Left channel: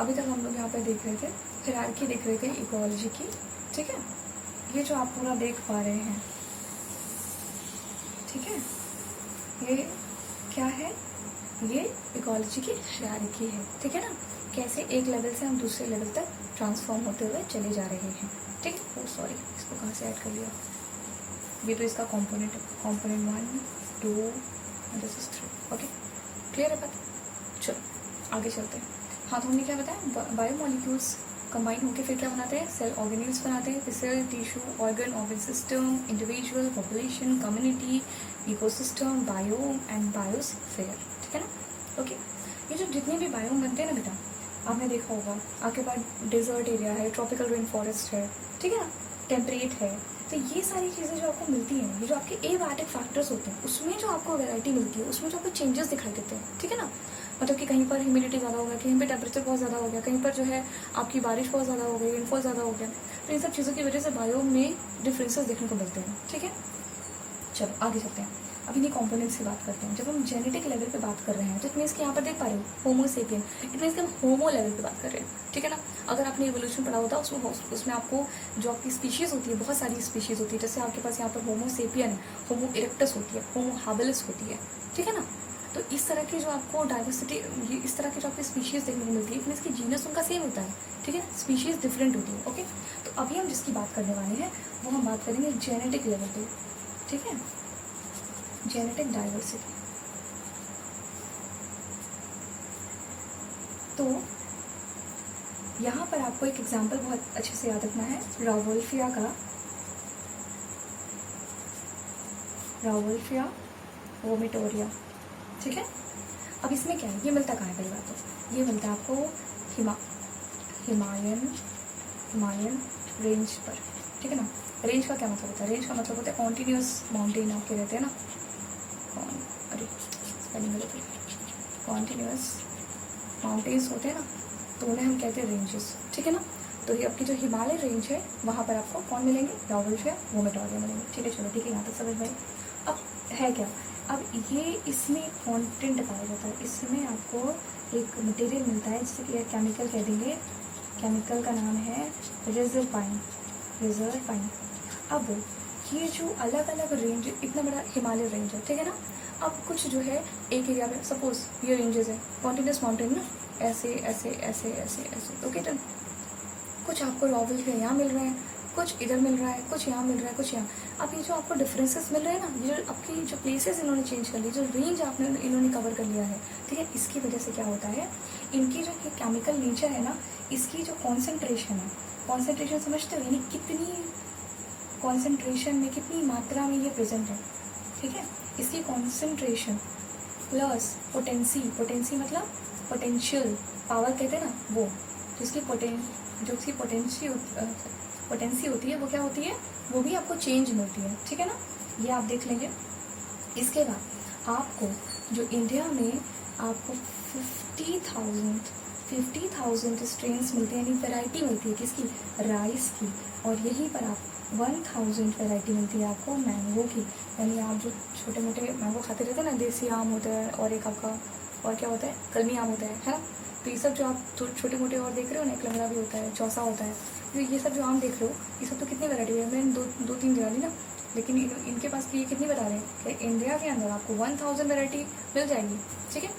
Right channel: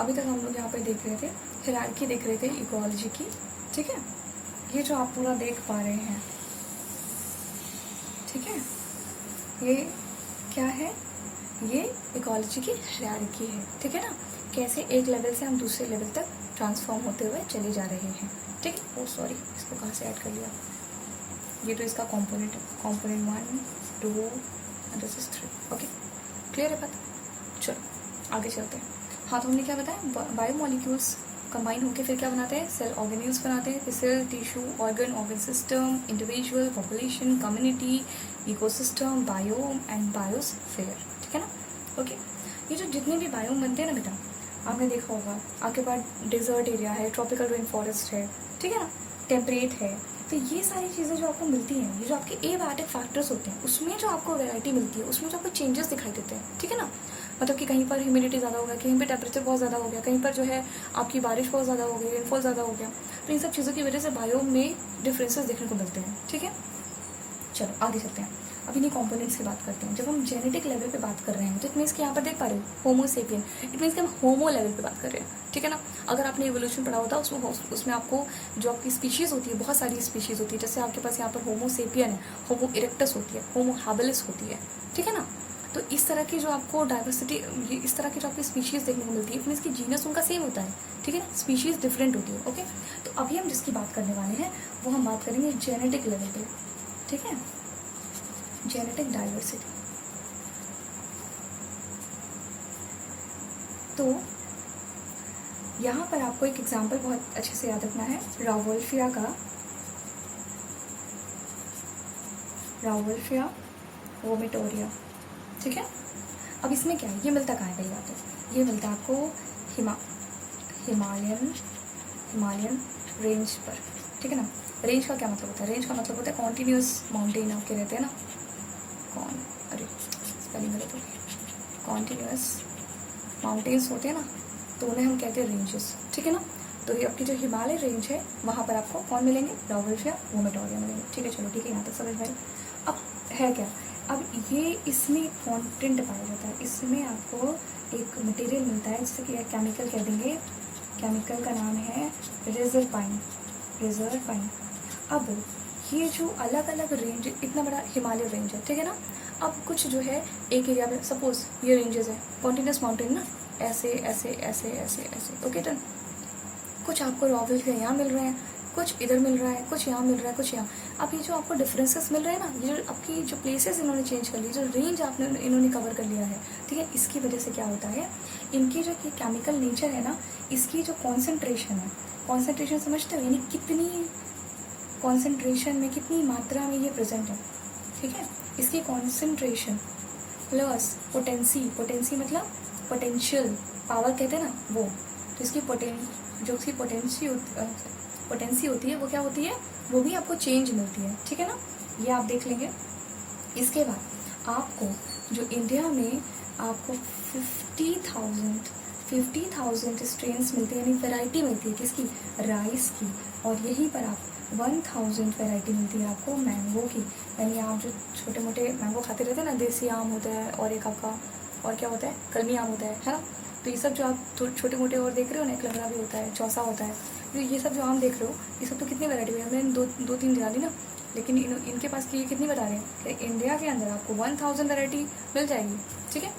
अभी तक हम लोग यहाँ पे देख रहे थे हायरार्की, देख रहे थे इकोलॉजी की, ठीक है। ये जो आप पूरा देख पा रहे हैं, ठीक है, ये क्या है, ये इकोलॉजी की हायरार्की है, ठीक है ना। कैसे एक लेवल से हम दूसरे लेवल तक ट्रांसफॉर्म होते हुए चले जा रहे हैं, ठीक है। सॉरी, इसको कहाँ से ऐड कर लिया, ये तो इसका कंपोनेंट है, component 1 2 this is 3, okay, clear है बात। चलो आगे चलते हैं। हाँ, तो हमने क्या बताया, बायोमोलिक्यूल्स कंबाइन होकर फिर क्या बनाते हैं, सेल ऑर्गेन्यूल्स बनाते हैं, फिर cell, tissue, organ system, individual, population, community, ecosystem, biome and biosphere, ठीक है ना। ओके, ये जो जितने भी बायोम बनते हैं ना बेटा, आपने देखा होगा, आपके पास डेजर्ट एरिया है, ट्रॉपिकल रेन फॉरेस्ट है, ठीक है ना, टेम्परेट है, तो ये सारी चीज़ें जो आपको मिलती हैं, ये जो आपके एबायोटिक फैक्टर्स होते हैं, उसमें जो आपको वैरायटी मिलती है, उसमें जो आपको चेंजेस दिखाई देते हैं, ठीक है ना। मतलब कि कहीं पर ह्यूमिडिटी ज़्यादा हो गया, कहीं पर टेम्परेचर बहुत ज़्यादा हो गया, कहीं पर जो है आपकी बारिश बहुत ज़्यादा हो गई, रेनफॉल ज़्यादा हो गया, तो इन सब चीज़ों की वजह से बायोम में डिफरेंसेस देखने को मिलते हैं, ठीक है। चलो आगे चलते हैं। अब इन्हीं कॉम्पोनेंट्स की बात करते हैं। जब हम जेनेटिक लेवल पे बात कर रहे हैं तो इट मीन्स कि यहाँ पर देख पा रहे हो होमोसेपियन, इट मीन्स कि हम होमो लेवल पे बात कर रहे हैं, ठीक है ना। अगर आपने इवोल्यूशन पढ़ा होता उसमें आपको जो आपकी स्पीशीज होती है, बहुत सारी स्पीशीज होती है, जैसे आपके पास यहाँ पर होमोसेपियन है, होमो इरेक्टस होती है, होमो हैबिलिस होती है, ठीक है ना। तो इस तरह की जो आपको डाइवर्सिटी, इस तरह की जो आपकी स्पीशीज देखने को मिलती है, इट मीन्स कि जीनस उनका सेम होता है, ठीक है, स्पीशीज डिफरेंट होती है, ओके। तो अभी हम जिसकी बात करने वाले हैं वो हम बात करेंगे जेनेटिक लेवल पे, ठीक है, जेनेटिक डाइवर्सिटी। तो यहाँ पर आपको एक एग्जाम्पल बहुत अच्छे से याद रखना है, रावोल्फिया का, रावोल्फिया वोमेटोरिया, ठीक है। अब इसमें क्या है, ये मिलता कहाँ है, पहली बात तो ये मिलता है आपको हिमालयन रेंज पर, ठीक है ना। रेंज का क्या मतलब होता है, रेंज का मतलब होता है कॉन्टिन्यूस माउंटेन होके रहते हैं ना, अरे स्पेलिंग गलत है, कॉन्टिन्यूस माउंटेन्स होते हैं ना, तो उन्हें हम कहते हैं रेंजेस, ठीक है ना। तो ये आपकी जो हिमालय रेंज है वहाँ पर आपको कौन मिलेंगे, रावोल्फिया वोमेटोरिया मिलेंगे, ठीक है। चलो ठीक है, यहाँ तक समझ भाई। अब है क्या, अब ये इसमें कॉन्टेंट पाया जाता है, इसमें आपको एक मटेरियल मिलता है जिससे कि केमिकल कह देंगे, केमिकल का नाम है रिजर्पाइन। अब ये जो अलग अलग रेंज, इतना बड़ा हिमालय रेंज है, ठीक है ना। अब कुछ जो है एक एरिया में, सपोज ये रेंजेस है, कॉन्टिन्यूस माउंटेन ना, ऐसे ऐसे ऐसे ऐसे ऐसे, ओके डन। कुछ आपको रावोल्फिया यहाँ मिल रहा है, कुछ इधर मिल रहा है, कुछ यहाँ मिल रहा है, कुछ यहाँ। अब ये जो आपको डिफरेंसेस मिल रहे हैं ना, ये जो आपकी जो प्लेसेस इन्होंने चेंज कर ली, जो रेंज आपने इन्होंने कवर कर लिया है, ठीक है, इसकी वजह से क्या होता है, इनकी जो केमिकल नेचर है ना, इसकी जो कॉन्सेंट्रेशन है, कॉन्सेंट्रेशन समझते हो, यानी कितनी कॉन्सेंट्रेशन में, कितनी मात्रा में ये प्रेजेंट है, ठीक है। इसकी कॉन्सेंट्रेशन प्लस पोटेंसी मतलब पोटेंशियल पावर कहते हैं ना, वो तो इसकी जो उसकी पोटेंसी होती है वो क्या होती है, वो भी आपको चेंज मिलती है, ठीक है ना। ये आप देख लेंगे। इसके बाद आपको जो इंडिया में आपको 50,000 स्ट्रेन्स मिलते हैं, यानी वेराइटी मिलती है किसकी, राइस की, और यहीं पर आप 1000 वेराइटी मिलती है आपको मैंगो की, यानी आप जो छोटे मोटे मैंगो खाते रहते हैं ना, देसी आम होता है, और एक आपका और क्या होता है, कलमी आम होता है ना। तो ये सब जो आप छोटे मोटे और देख रहे हो ना, एक लंगड़ा भी होता है, चौसा होता है, तो ये सब जो आम देख रहे हो, ये सब तो कितनी वैरायटी है, मैंने दो तीन गिना दी ना, लेकिन इनके पास की कितनी बता रहे हैं कि इंडिया के अंदर आपको 1000 वेराइटी मिल जाएगी, ठीक है।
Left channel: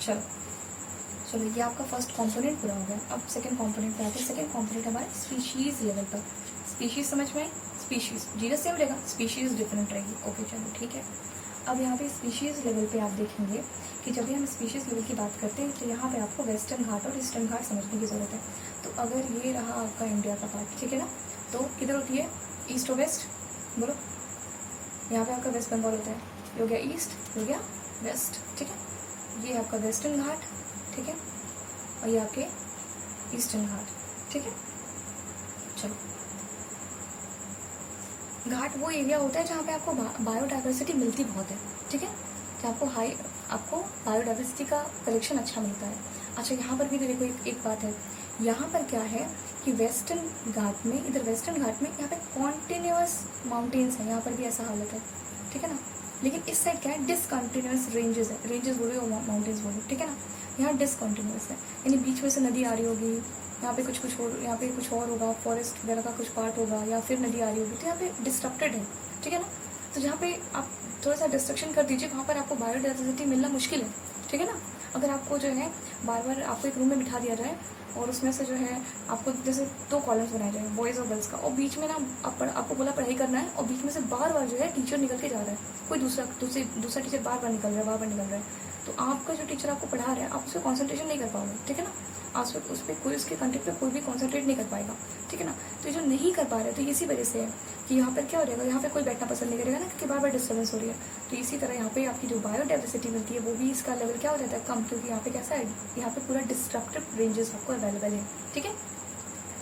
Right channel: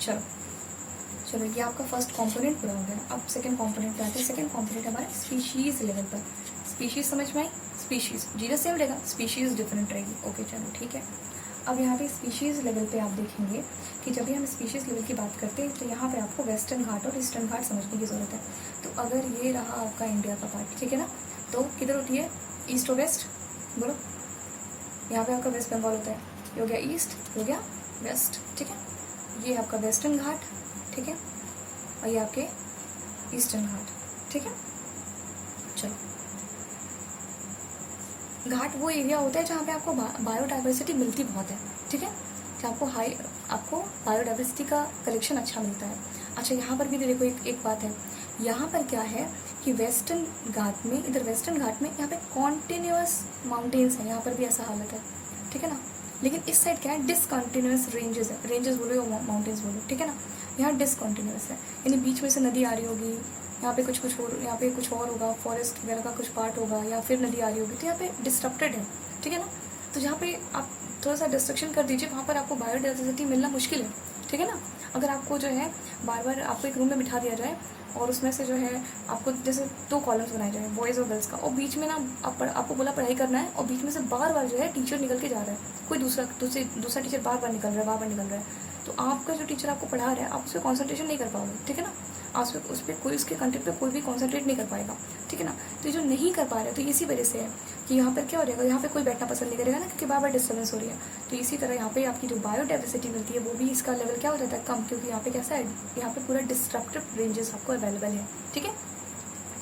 चलो ये आपका फर्स्ट कंपोनेंट पूरा हो गया। अब सेकंड कंपोनेंट पे आते हैं। सेकंड कंपोनेंट हमारा स्पीशीज लेवल पर। स्पीशीज समझ में आई, स्पीशीज जीनस सेम रहेगा, स्पीशीज डिफरेंट रहेगी, ओके चलो ठीक है। अब यहाँ पे स्पीशीज लेवल पे आप देखेंगे कि जब भी हम स्पीशीज लेवल की बात करते हैं तो यहाँ पे आपको वेस्टर्न घाट और ईस्टर्न घाट समझने की जरूरत है। तो अगर ये रहा आपका इंडिया का पार्ट, ठीक है ना, तो किधर होती है, ईस्ट और वेस्ट, बोलो। यहाँ पे आपका वेस्ट बंगाल होता है, ये हो गया ईस्ट, हो गया वेस्ट, ठीक है। ये आपका वेस्टर्न घाट, ठीक है, और ये आपके ईस्टर्न घाट, ठीक है। चलो, घाट वो एरिया होता है जहाँ पे आपको बायोडाइवर्सिटी मिलती बहुत है, ठीक है, जहाँ आपको बायोडाइवर्सिटी का कलेक्शन अच्छा मिलता है। अच्छा, यहाँ पर भी देखो एक बात है, यहाँ पर क्या है कि वेस्टर्न घाट में, इधर वेस्टर्न घाट में यहाँ पे कॉन्टिन्यूस माउंटेन्स है, यहाँ पर भी ऐसा हालत है, ठीक है ना। लेकिन इस साइड क्या है, डिसकंटिन्यूस रेंजेस है, रेंजेस बोलो माउंटेन्स बोलो, ठीक है ना। यहाँ डिसकॉन्टिन्यूस है, यानी बीच में से नदी आ रही होगी, यहाँ पे यहाँ पे कुछ और होगा, फॉरेस्ट वगैरह का कुछ पार्ट होगा, या फिर नदी आ रही होगी, तो यहाँ पे डिस्ट्रप्टेड है, ठीक है ना। तो जहाँ पे आप थोड़ा सा डिस्ट्रक्शन कर दीजिए, वहाँ पर आपको बायोडाइवर्सिटी मिलना मुश्किल है, ठीक है ना। अगर आपको जो है बार बार आपको एक रूम में बिठा दिया जाए और उसमें से जो है आपको जैसे 2 कॉलम्स बनाए जाए बॉयज़ और गर्ल्स का, और बीच में ना आपको बोला पढ़ाई करना है, और बीच में से बार बार जो है टीचर निकल के जा रहा है, कोई दूसरा टीचर बार बार निकल रहा है, तो आपका जो टीचर आपको पढ़ा रहा है आप उस पर कॉन्सेंट्रेशन नहीं कर पाओगे, ठीक है ना। आप उस पर कोई उसके कंटेंट पे कोई भी कॉन्सेंट्रेट नहीं कर पाएगा, ठीक है ना। तो जो नहीं कर पा रहे तो इसी वजह से है कि यहाँ पर क्या हो जाएगा, यहाँ पे कोई बैठना पसंद नहीं करेगा ना, क्योंकि बार बार डिस्टर्बेंस हो रही है। तो इसी तरह यहाँ पे आपकी जो बायोडाइवर्सिटी मिलती है वो भी इसका लेवल क्या हो जाता है, कम, क्योंकि यहाँ पे कैसा है, यहाँ पे पूरा डिस्ट्रक्टिव रेंजेस आपको अवेलेबल है, ठीक है।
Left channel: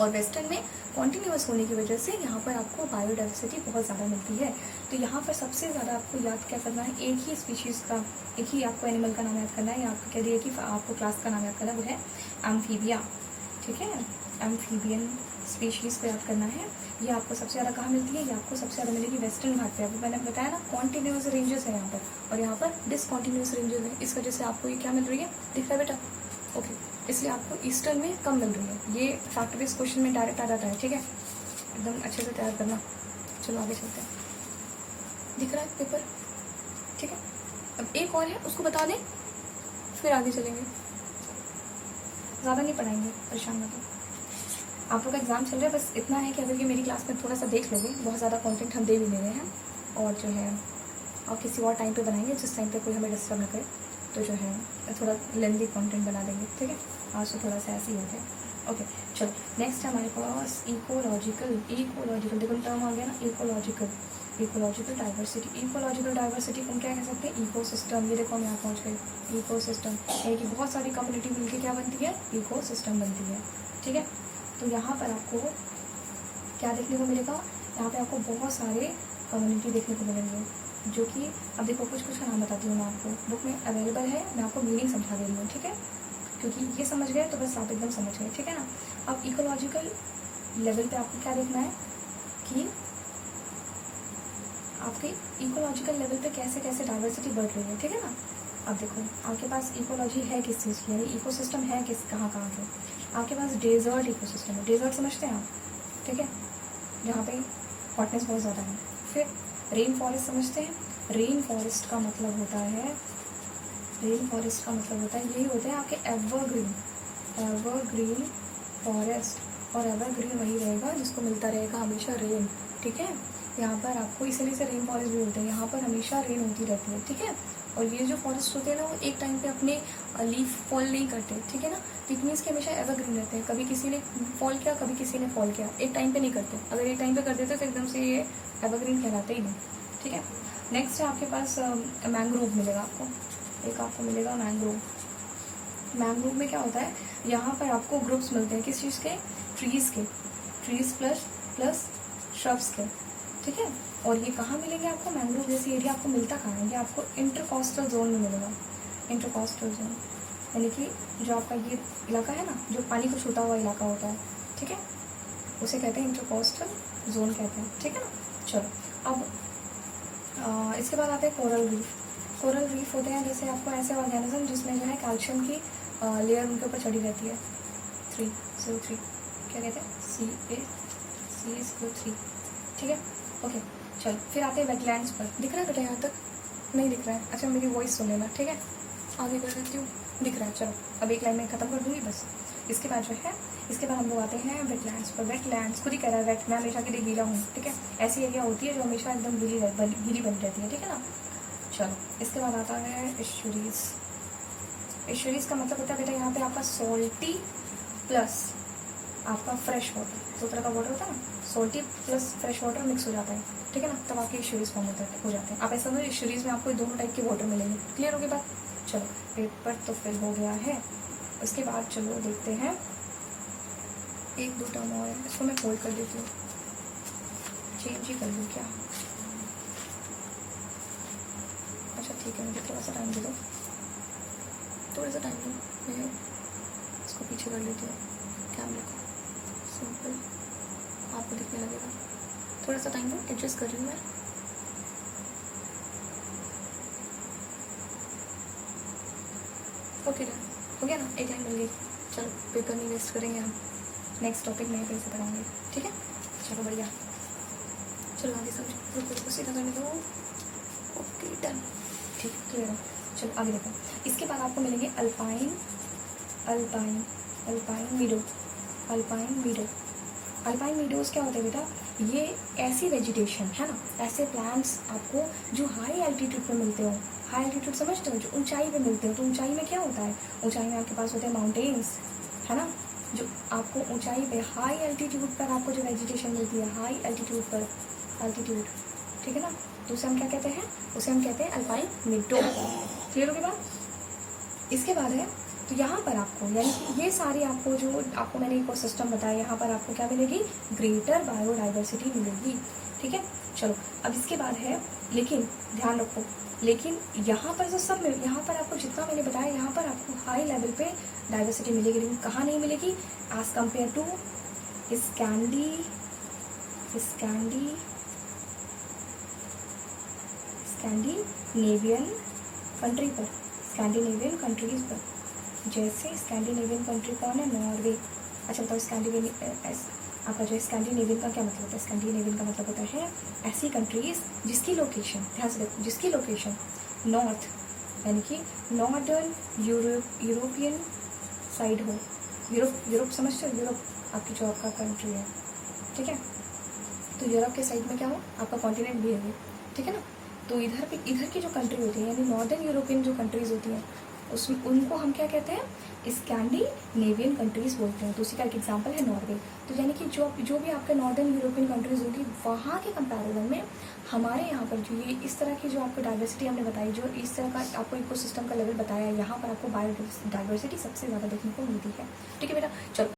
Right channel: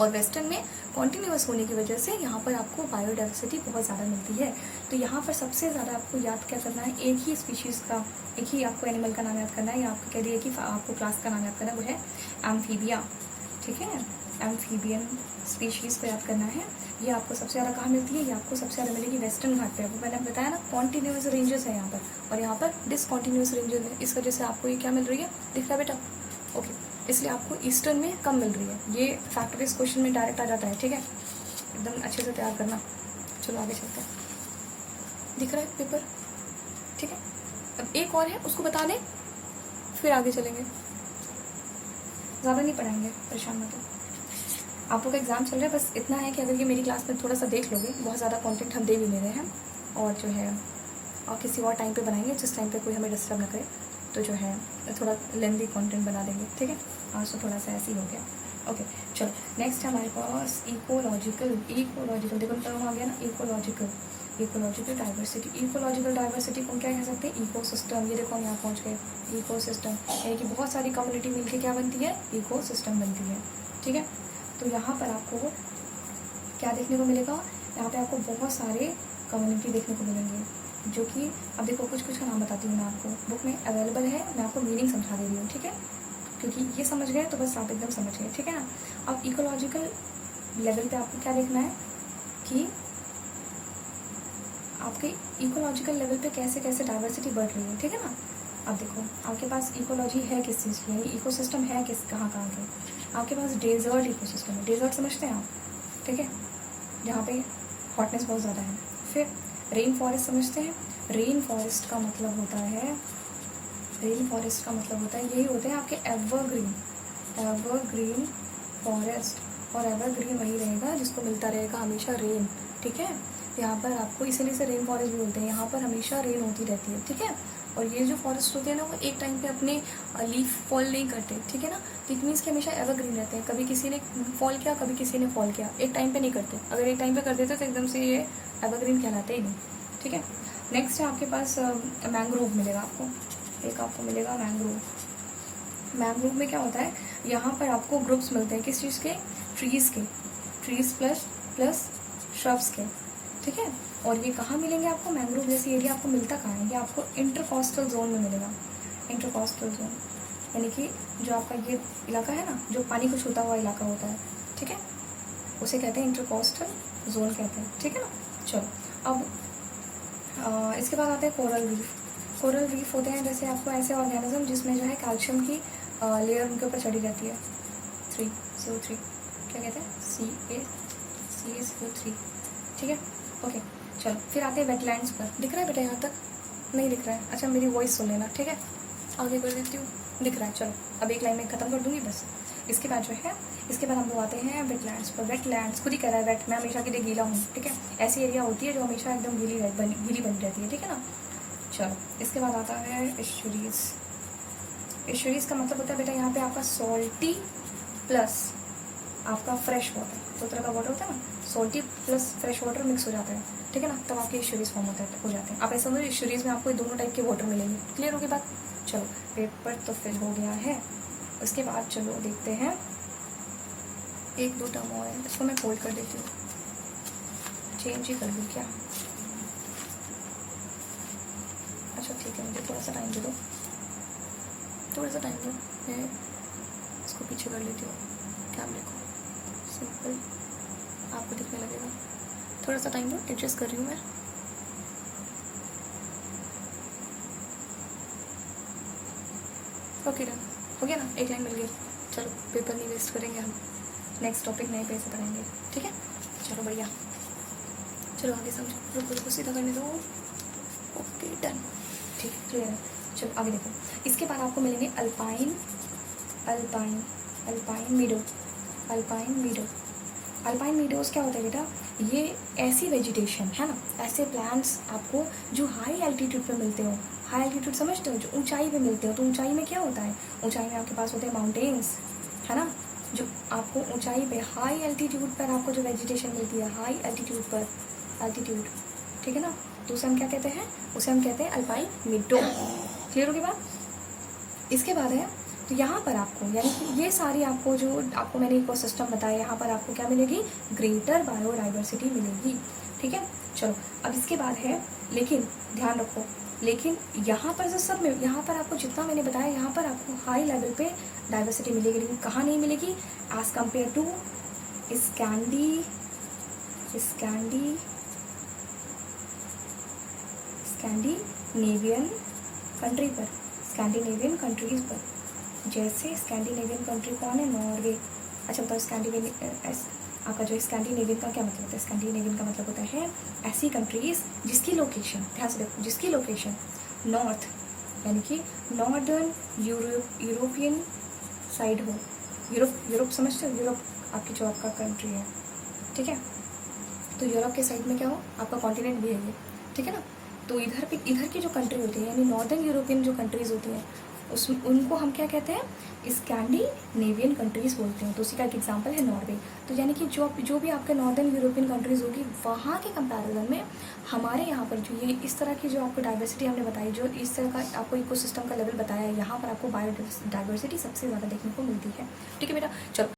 और वेस्टर्न में कॉन्टिन्यूस होने की वजह से यहाँ पर आपको बायोडाइवर्सिटी बहुत ज़्यादा मिलती है। तो यहाँ पर सबसे ज़्यादा आपको याद क्या करना है, एक ही स्पीशीज़ का, एक ही आपको एनिमल का नाम याद करना है, या आपको कह दिया कि आपको क्लास का नाम याद करना है, वो है एम्फीबिया, ठीक है। एम्फीबियन स्पीशीज़ पे याद करना है। ये आपको सबसे ज़्यादा कहाँ मिलती है, ये आपको सबसे ज़्यादा मिलेगी वेस्टर्न घाट पे। वो मैंने बताया ना कॉन्टिन्यूस रेंजेस है यहाँ पर, और यहाँ पर डिसकॉन्टिन्यूस रेंजेस है, इस वजह से आपको ये क्या मिल रही है, दिख रहा है बेटा, ओके। इसलिए आपको ईस्टर्न में कम मिल रही है। ये फैक्ट बेस्ड क्वेश्चन में डायरेक्ट आ जाता है, ठीक है, एकदम अच्छे से तैयार करना। चलो आगे चलते हैं, दिख रहा है पेपर, ठीक है। अब एक और है, उसको बता दें फिर आगे चलेंगे, ज़्यादा नहीं पढ़ाएंगे, परेशान में तो आप लोग का एग्जाम चल रहा है। बस इतना है कि अगर ये मेरी क्लास में थोड़ा सा देख लोगे, बहुत ज़्यादा कंटेंट हम दे भी ले रहे हैं, और जो है और किसी और टाइम पे बनाएंगे जिस टाइम पे कोई हमें डिस्टर्ब ना करे, तो जो है थोड़ा लेंथी कंटेंट बना देंगे, ठीक है। आज तो थोड़ा सा ऐसे ही हो गया, ओके। चलो नेक्स्ट है हमारे पास इकोलॉजिकल देखो टर्म आ गया ना, इकोलॉजिकल डाइवर्सिटी को क्या कह सकते हैं, इकोसिस्टम। ये देखो हम यहाँ पहुँच गए, इकोसिस्टम यानी कि बहुत सारी कम्युनिटी मिलकर क्या बनती है, इकोसिस्टम बनती है, ठीक है। तो यहाँ पर आपको क्या देखने को मिलेगा, यहाँ पे आपको बहुत सारे कम्युनिटी देखने को मिलेंगे, जो कि अब देखो कुछ का नाम बताती हूँ मैं आपको, बुक में अवेलेबल है, मैं आपको मीनिंग समझा दे रही हूँ, ठीक है। क्योंकि ये समझ गए तो बस आप एकदम समझ गए, ठीक है ना। अब इकोलॉजिकल लेवल पे आपको क्या देखना है कि आपके इकोलॉजिकल लेवल पे कैसे कैसे डाइवर्सिटी बढ़ रही है, ठीक है ना। अब देखो आपके पास इकोलॉजी है किस चीज़ की, यानी इकोसिस्टम है किस कहाँ के, आपके पास डेजर्ट इकोसिस्टम है, डेजर्ट समझते हैं आप, ठीक है, जहाँ पे हॉटनेस बहुत ज़्यादा है। फिर रेन फॉरेस्ट समझते हैं, रेन फॉरेस्ट का मतलब होता है यही होता है आपके एवरग्रीन फॉरेस्ट, और एवरग्रीन वही रहेगा जिसको मिलता रहेगा हमेशा रेन, ठीक है। यहाँ पर आपको इसीलिए से रेन फॉरेस्ट भी होते हैं, यहाँ पर हमेशा रेन होती रहती है, ठीक है। और ये जो फॉरेस्ट होते हैं ना, वो एक टाइम पे अपने लीफ फॉल नहीं करते, ठीक है ना। इट मीन्स कि हमेशा एवरग्रीन रहते हैं, कभी किसी ने फॉल किया, कभी किसी ने फॉल किया, एक टाइम पे नहीं करते। अगर एक टाइम पे कर देते तो एकदम से ये एवरग्रीन कहलाते ही नहीं, ठीक है। नेक्स्ट है आपके पास मैंग्रोव मिलेगा आपको, एक आपको मिलेगा मैंग्रोव में क्या होता है, यहाँ पर आपको ग्रुप्स मिलते हैं किस चीज़ के, ट्रीज प्लस श्रब्स के, ठीक है। और ये कहाँ मिलेंगे आपको, मैंग्रोव जैसी एरिया आपको मिलता कहाँ है, ये आपको इंटरकोस्टल जोन में मिलेगा। इंटरकोस्टल जोन यानी कि जो आपका ये इलाका है ना, जो पानी को छूता हुआ इलाका होता है, ठीक है, उसे कहते हैं इंटरकोस्टल जोन कहते हैं, ठीक है ना। चलो अब इसके बाद आते हैं कोरल रीफ होते हैं जैसे आपको ऐसे ऑर्गेनिज्म जिसमें जो है कैल्शियम की लेयर उनके ऊपर चढ़ी रहती है, CO3 क्या कहते हैं, CaCO3, ठीक है, ओके। चलो फिर आते हैं वेटलैंड्स पर, दिख रहा है बेटा यहाँ तक, नहीं दिख रहा है, अच्छा मेरी वॉइस सुन लेना, ठीक है, आगे कर देती हूँ, दिख रहा है। चलो अब एक लाइन में खत्म कर दूंगी बस। इसके बाद जो है हम लोग आते हैं वेटलैंड्स पर। वेटलैंड्स खुद ही कह रहा है वेट, मैं हमेशा के लिए गीला हूँ, ठीक है, ऐसी एरिया होती है जो हमेशा एकदम गीली बनी रहती है, ठीक है ना। चलो इसके बाद आता है एस्चुरीज का मतलब होता है बेटा यहाँ पे आपका सॉल्टी प्लस आपका फ्रेश वाटर, दो तरह का वाटर होता है ना, salty plus fresh water mix हो जाता है, ठीक है ना, तब आपके एस्चुरीज फॉर्म हो जाते हैं। आप ऐसा समझो एस्चुरीज में आपको दोनों टाइप के वाटर मिलेंगे, क्लियर हो गई बात। चलो पेपर तो फिल हो गया है। उसके बाद चलो देखते हैं एक दो टर्म और है, इसको मैं फोल्ड कर देती हूँ, चेंज ही कर लूँ क्या, अच्छा ठीक है, मुझे थोड़ा सा टाइम दे दो, मैं इसको पीछे कर लेती हूँ, ध्यान रखो, सिंपल आपको दिखने लगेगा, थोड़ा सा टाइम दो, एडजस्ट कर रही हूँ मैं। ओके हो पेपर नहीं वेस्ट करेंगे हम, नेक्स्ट टॉपिक नए पेज से पढ़ाएंगे, ठीक है। चलो बढ़िया, चलो आगे समझो, रुको सीधा करने दो, ओके डन, ठीक क्लियर। चलो आगे देखो, इसके बाद आपको मिलेंगे alpine alpine alpine मीडो। Alpine मीडो, alpine meadows क्या होता है बेटा, ये ऐसी वेजिटेशन है ना, ऐसे प्लांट्स आपको जो हाई एल्टीट्यूड पे मिलते हो। हाई एल्टीट्यूड समझते हो, जो ऊंचाई पे मिलते हो। तो ऊंचाई में क्या होता है, ऊंचाई में आपके पास होते हैं माउंटेन्स, है ना, जो आपको ऊंचाई पे हाई एल्टीट्यूड पर आपको जो वेजिटेशन मिलती है, हाई एल्टीट्यूड पर, एल्टीट्यूड, ठीक है ना, तो उसे हम क्या कहते हैं, उसे हम कहते हैं अल्पाइन मीडो। क्लियर होगी बात। इसके बाद है, तो यहाँ पर आपको यानी कि ये सारी आपको जो आपको मैंने इकोसिस्टम बताया, यहाँ पर आपको क्या मिलेगी, ग्रेटर बायोडाइवर्सिटी मिलेगी, ठीक है। चलो अब इसके बाद है, लेकिन ध्यान रखो, लेकिन यहाँ पर जो सब में, यहाँ पर आपको जितना मैंने बताया, यहाँ पर आपको हाई लेवल पे डाइवर्सिटी मिलेगी, लेकिन कहाँ नहीं मिलेगी, as compared to Scandinavian country पर, स्कैंडिनेवियन कंट्रीज पर, जैसे स्कैंडिनेवियन कंट्री कौन है, नॉर्वे। अच्छा तो स्कैंडिनेवियन, आपका जो स्कैंडिनेवियन का क्या मतलब होता है, स्कैंडिनेवियन का मतलब होता है ऐसी कंट्रीज जिसकी लोकेशन, ध्यान से देखो, जिसकी लोकेशन नॉर्थ यानी कि नॉर्दर्न यूरोपियन साइड हो। यूरोप समझते हो, यूरोप आपकी जो आपका कंट्री है, ठीक है, तो यूरोप के साइड में क्या हो, आपका कॉन्टिनेंट भी है ये, ठीक है ना। तो इधर की जो कंट्री होती है, यानी नॉर्दर्न यूरोपियन जो कंट्रीज होती हैं, उसमें उनको हम क्या कहते हैं, स्कैंडिनेवियन कंट्रीज बोलते हैं। तो उसी का एक एग्जांपल है नॉर्वे। तो यानी कि जो भी आपके नॉर्दर्न यूरोपियन कंट्रीज होगी, वहाँ के कंपैरिजन में हमारे यहाँ पर जो ये इस तरह की जो आपको डाइवर्सिटी हमने बताई, जो इस तरह का आपको इकोसिस्टम का लेवल बताया, यहाँ पर आपको बायोडाइवर्सिटी सबसे ज़्यादा देखने को मिलती है, ठीक है बेटा। चलो